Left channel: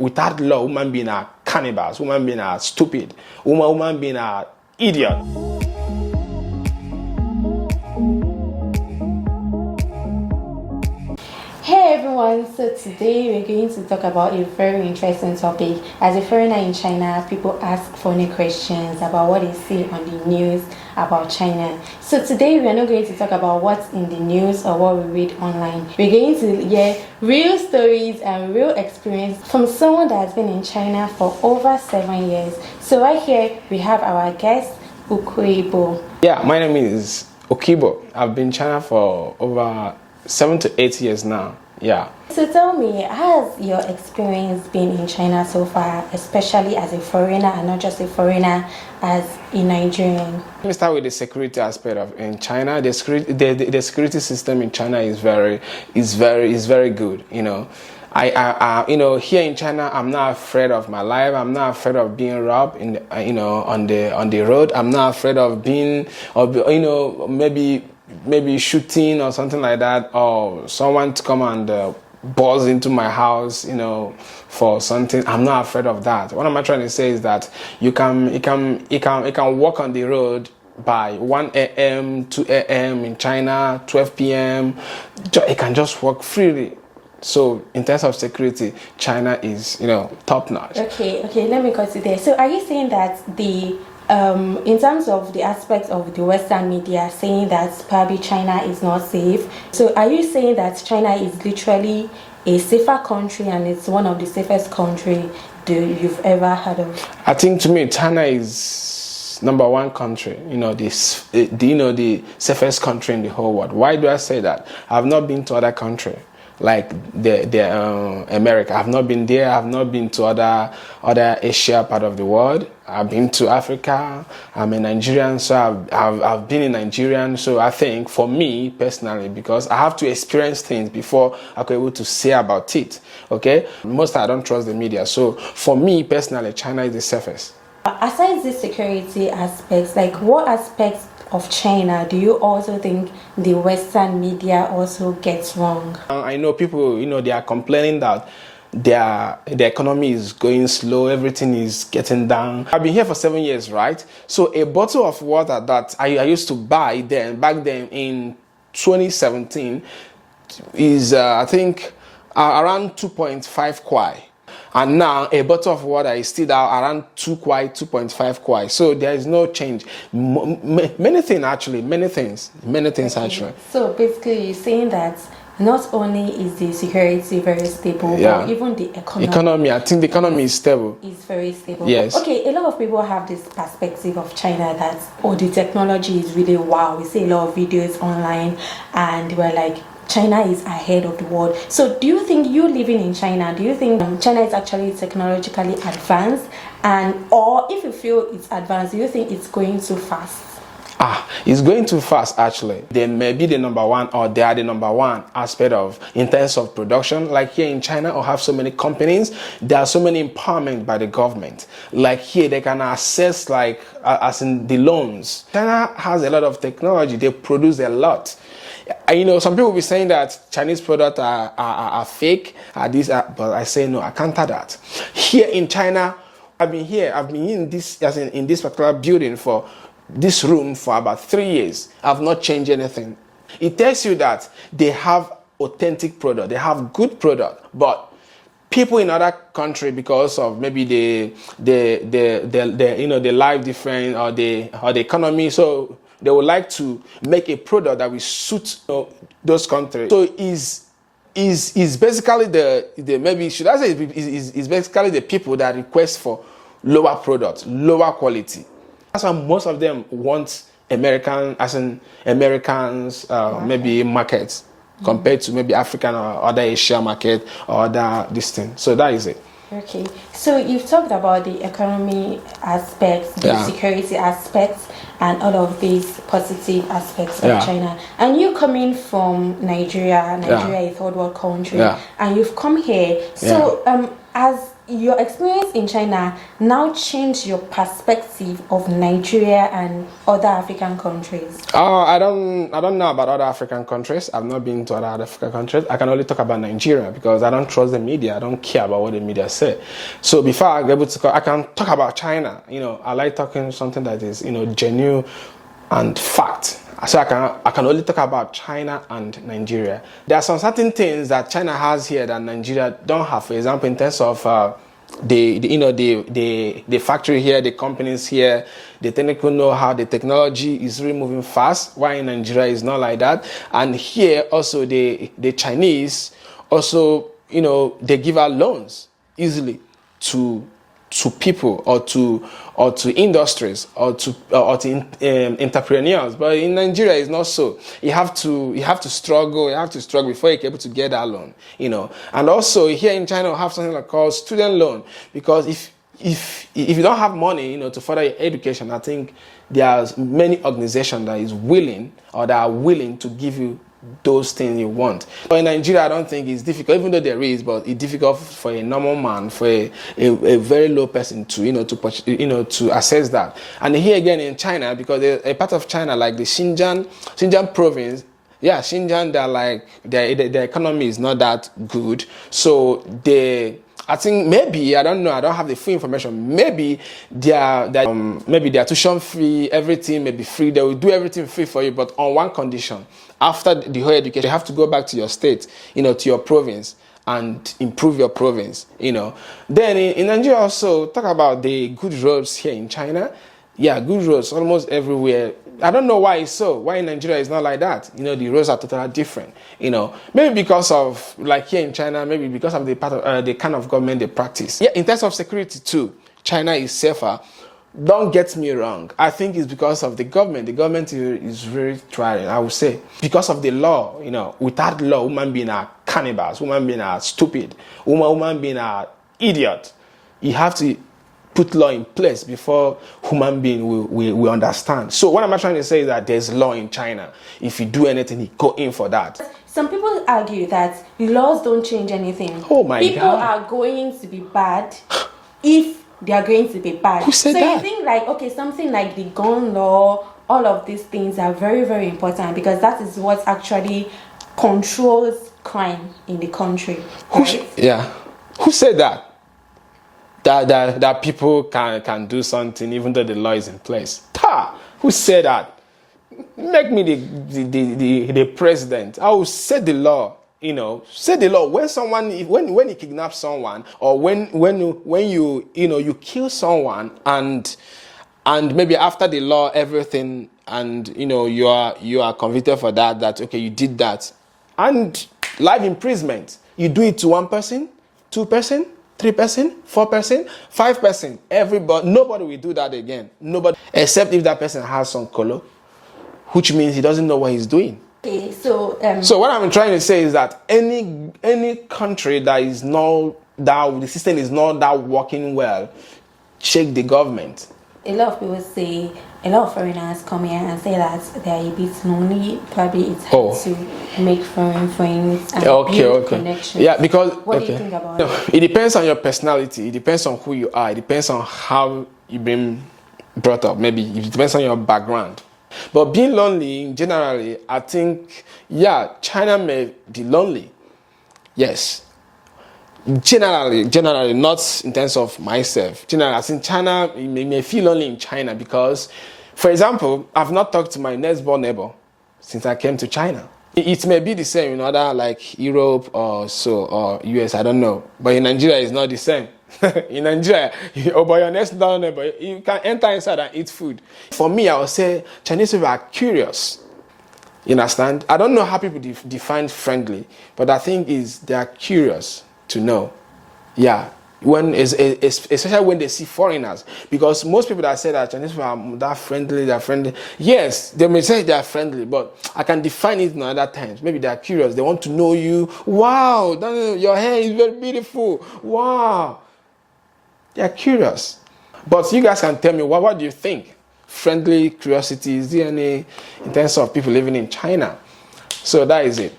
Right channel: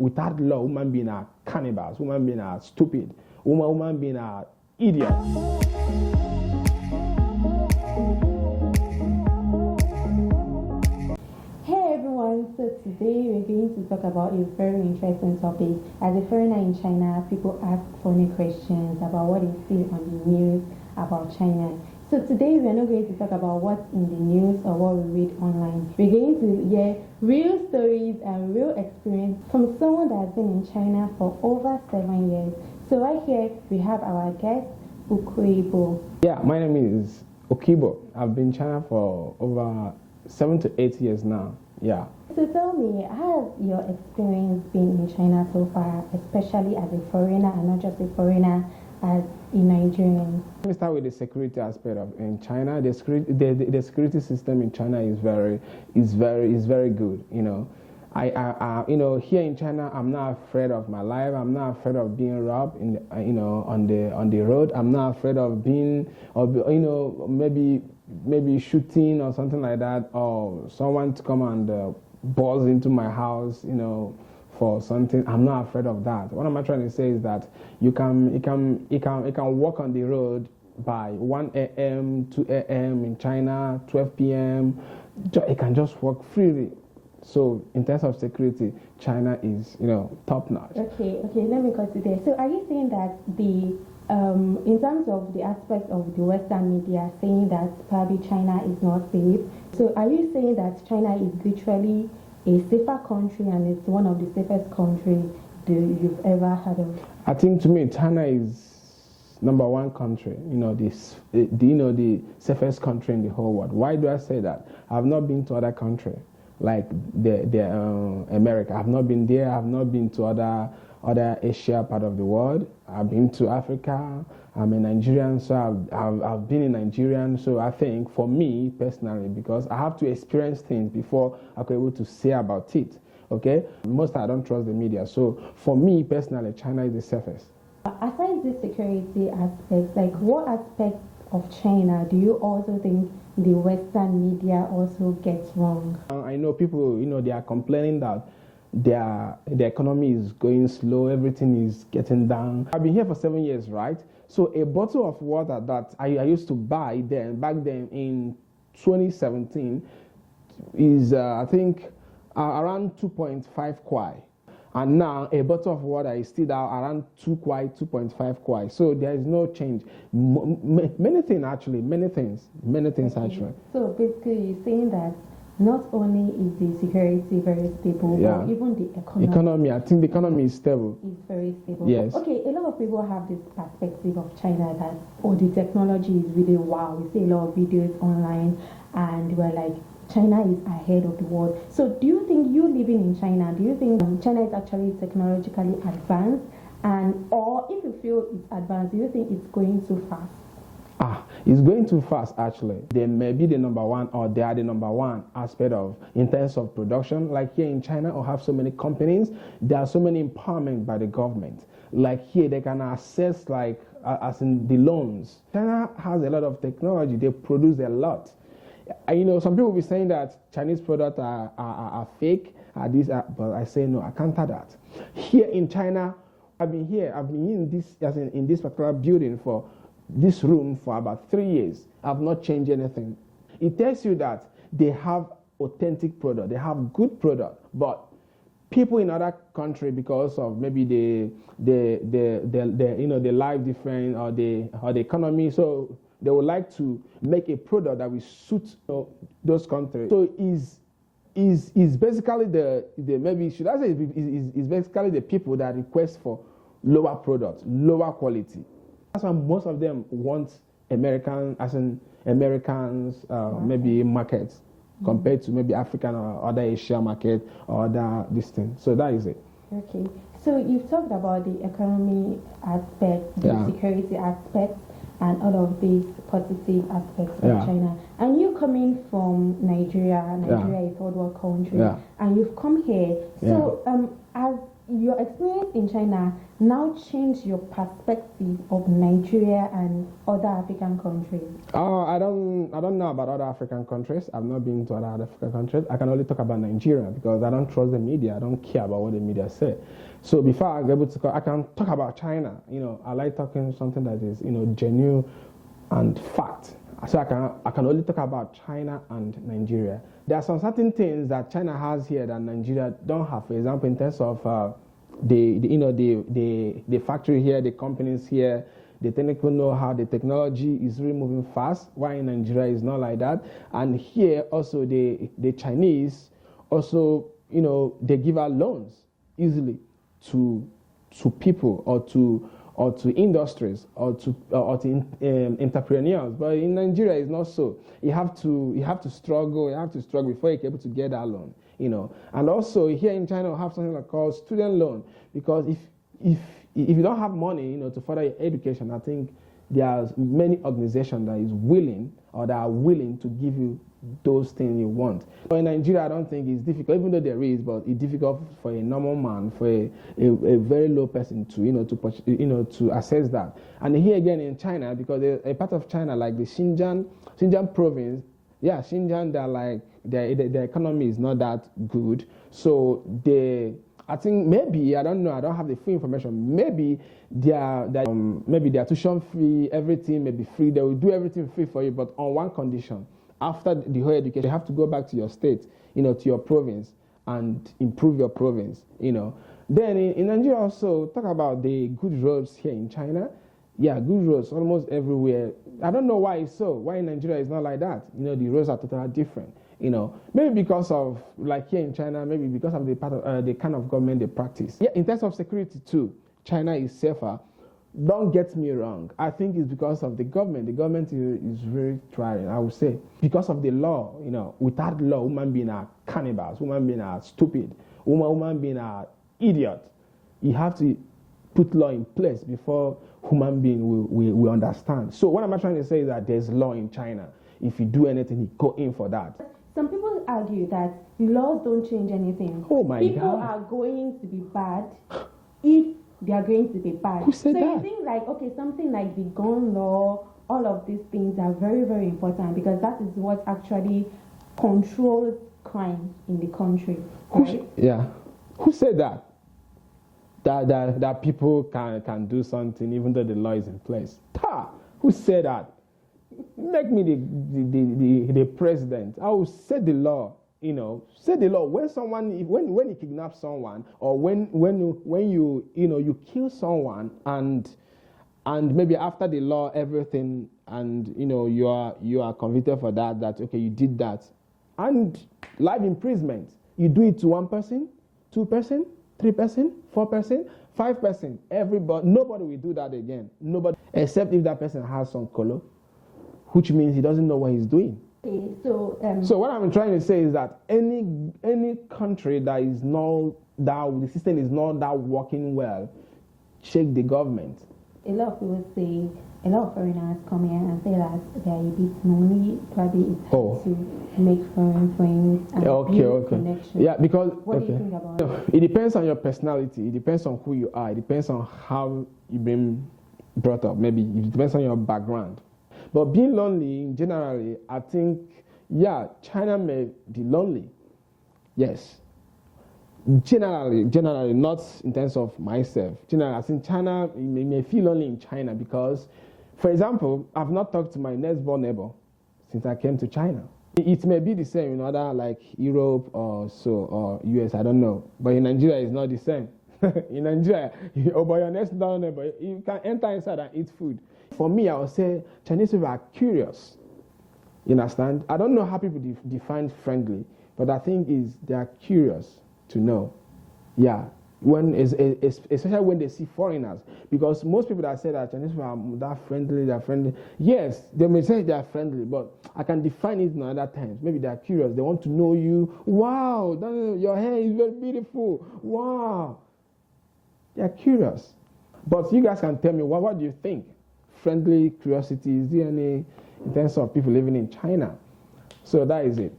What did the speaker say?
without law, women being a cannibals, women being a stupid, women being a idiot. Hey everyone, so today we're going to talk about a very interesting topic. As a foreigner in China, people ask funny questions about what they see on the news about China. So today we are not going to talk about what's in the news or what we read online. We're going to hear real stories and real experience from someone that has been in China for over 7 years. So right here we have our guest, Okibo. Yeah, my name is Okibo. I've been in China for over 7 to 8 years now. Yeah. So tell me, how has your experience been in China so far, especially as a foreigner and not just a foreigner, as a Nigerian? Let me start with the security aspect of in China. The security system in China is very good. You know, I here in China, I'm not afraid of my life. I'm not afraid of being robbed on the road. I'm not afraid of being maybe shooting or something like that, or someone to come and buzz into my house, for something. I'm not afraid of that. What am I trying to say is that you can walk on the road by 1 a.m., 2 a.m. in China, 12 p.m. It can just walk freely. So in terms of security, China is, top notch. Okay, let me consider. So are you saying that in terms of the aspects of the Western media saying that probably China is not safe, so are you saying that China is literally a safer country and it's one of the safest countries you've ever heard of? I think to me, China is number one country, the safest country in the whole world. Why do I say that? I've not been to other countries like America. I've not been there. I've not been to other Asia part of the world. I've been to Africa. I'm a Nigerian, so I've been in Nigerian. So I think for me personally, because I have to experience things before I can be able to say about it. Okay, most I don't trust the media. So for me personally, China is the safest. Aside the security aspects, like what aspects of China do you also think the Western media also gets wrong? I know people, they are complaining that the economy is going slow, everything is getting down. I've been here for 7 years, right? So a bottle of water that I used to buy back then in 2017 is I think around 2.5 kwai. And now a bottle of water is still around 2 kwai, 2.5 kwai. So there is no change. Many things actually. Actually. So basically you're saying that not only is the security very stable, but even the economy. I think the economy is stable. Is very stable. Yes. Okay, a lot of people have this perspective of China that, the technology is really wow. We see a lot of videos online and we're like, China is ahead of the world. So do you think, you living in China, do you think China is actually technologically advanced? Or if you feel it's advanced, do you think it's going too fast? It's going too fast actually. They may be the number one, or they are the number one aspect in terms of production. Like here in China, or have so many companies, there are so many empowerment by the government. Like here, they can access as in the loans. China has a lot of technology. They produce a lot. Some people will be saying that Chinese products are fake, but I say no, I counter that. Here in China, I've been in this particular building for this room for about 3 years. I've not changed anything. It tells you that they have authentic product, they have good product, but people in other country, because of maybe the life different or the economy, so they would like to make a product that will suit those countries. So is basically is basically the people that request for lower products, lower quality. That's why most of them want Americans, maybe markets compared to maybe African or other Asia market or other this thing. So that is it. Okay, so you've talked about the economy aspects, the security aspects, and all of these positive aspects of China. And you coming from Nigeria is a third world country, and you've come here. So has your experience in China now changed your perspective of Nigeria and other African countries? I don't know about other African countries. I've not been to other African countries. I can only talk about Nigeria because I don't trust the media. I don't care about what the media say. So before I get able to, I can talk about China. I like talking something that is, genuine and fact. So I can only talk about China and Nigeria. There are some certain things that China has here that Nigeria don't have. For example, in terms of the factory here, the companies here, the technical know-how, the technology is really moving fast. While in Nigeria is not like that. And here also the Chinese also they give out loans easily to people or to industries or to entrepreneurs, but in Nigeria it's not so. You have to struggle before you're able to get that loan, And also here in China we have something like called student loan, because if you don't have money, to further your education, I think there's many organizations that are willing to give you those things you want. But in Nigeria, I don't think it's difficult, even though there is, but it's difficult for a normal man, for a very low person to to assess that. And here again in China, because a part of China like the Xinjiang province, Xinjiang, their economy is not that good, so I think maybe, I don't know, I don't have the full information. Maybe their tuition fee, everything may be free. They will do everything free for you, but on one condition. After the whole education, you have to go back to your state, to your province, and improve your province, Then in Nigeria also, talk about the good roads here in China. Yeah, good roads almost everywhere. I don't know why it's so. Why in Nigeria it's not like that? The roads are totally different. Maybe because of, like here in China, maybe because of the part of the kind of government they practice. Yeah, in terms of security too, China is safer. Don't get me wrong. I think it's because of the government. The government is very trying, I would say. Because of the law, without law, women being a cannibals, women being a stupid, women being a idiot. You have to put law in place before human being will understand. So what I'm trying to say is that there's law in China. If you do anything, you go in for that. Some people argue that laws don't change anything. Oh my God. People are going to be bad if they are going to be bad. Who said that? So you think something like the gun law, all of these things are very, very important because that is what actually controls crime in the country. Right? Who said that? That people can do something even though the law is in place. Who said that? Make me the president. I will set the law. Set the law. When you kidnap someone, or when you kill someone, and maybe after the law everything, and you are convicted for that okay, you did that, and life imprisonment. You do it to one person, 2 person, 3 person, 4 person, 5 person. Nobody will do that again. Nobody, except if that person has some color, which means he doesn't know what he's doing. Okay, so what I'm trying to say is that any country that the system is not that working well, check the government. A lot of people say, a lot of foreigners come here and say that they are a bit lonely. Probably it's hard to make foreign friends and build connections. Yeah, because what do you think about it? It depends on your personality. It depends on who you are. It depends on how you've been brought up. Maybe it depends on your background. But being lonely, generally, I think, China may be lonely. Yes. Generally, not in terms of myself. Generally, I think China may feel lonely in China because, for example, I've not talked to my next door neighbor since I came to China. It may be the same in other like Europe or US, I don't know. But in Nigeria, it's not the same. In Nigeria, but your next door neighbor, you can enter inside and eat food. For me, I would say Chinese people are curious. You understand? I don't know how people define friendly, but I think they are curious to know. Yeah, especially when they see foreigners, because most people that say that Chinese people are that friendly, they're friendly. Yes, they may say they are friendly, but I can define it in other times. Maybe they are curious. They want to know you. Wow, your hair is very beautiful. Wow. They are curious. But you guys can tell me, what do you think? Friendly curiosity, is there any in terms of people living in China? So that is it.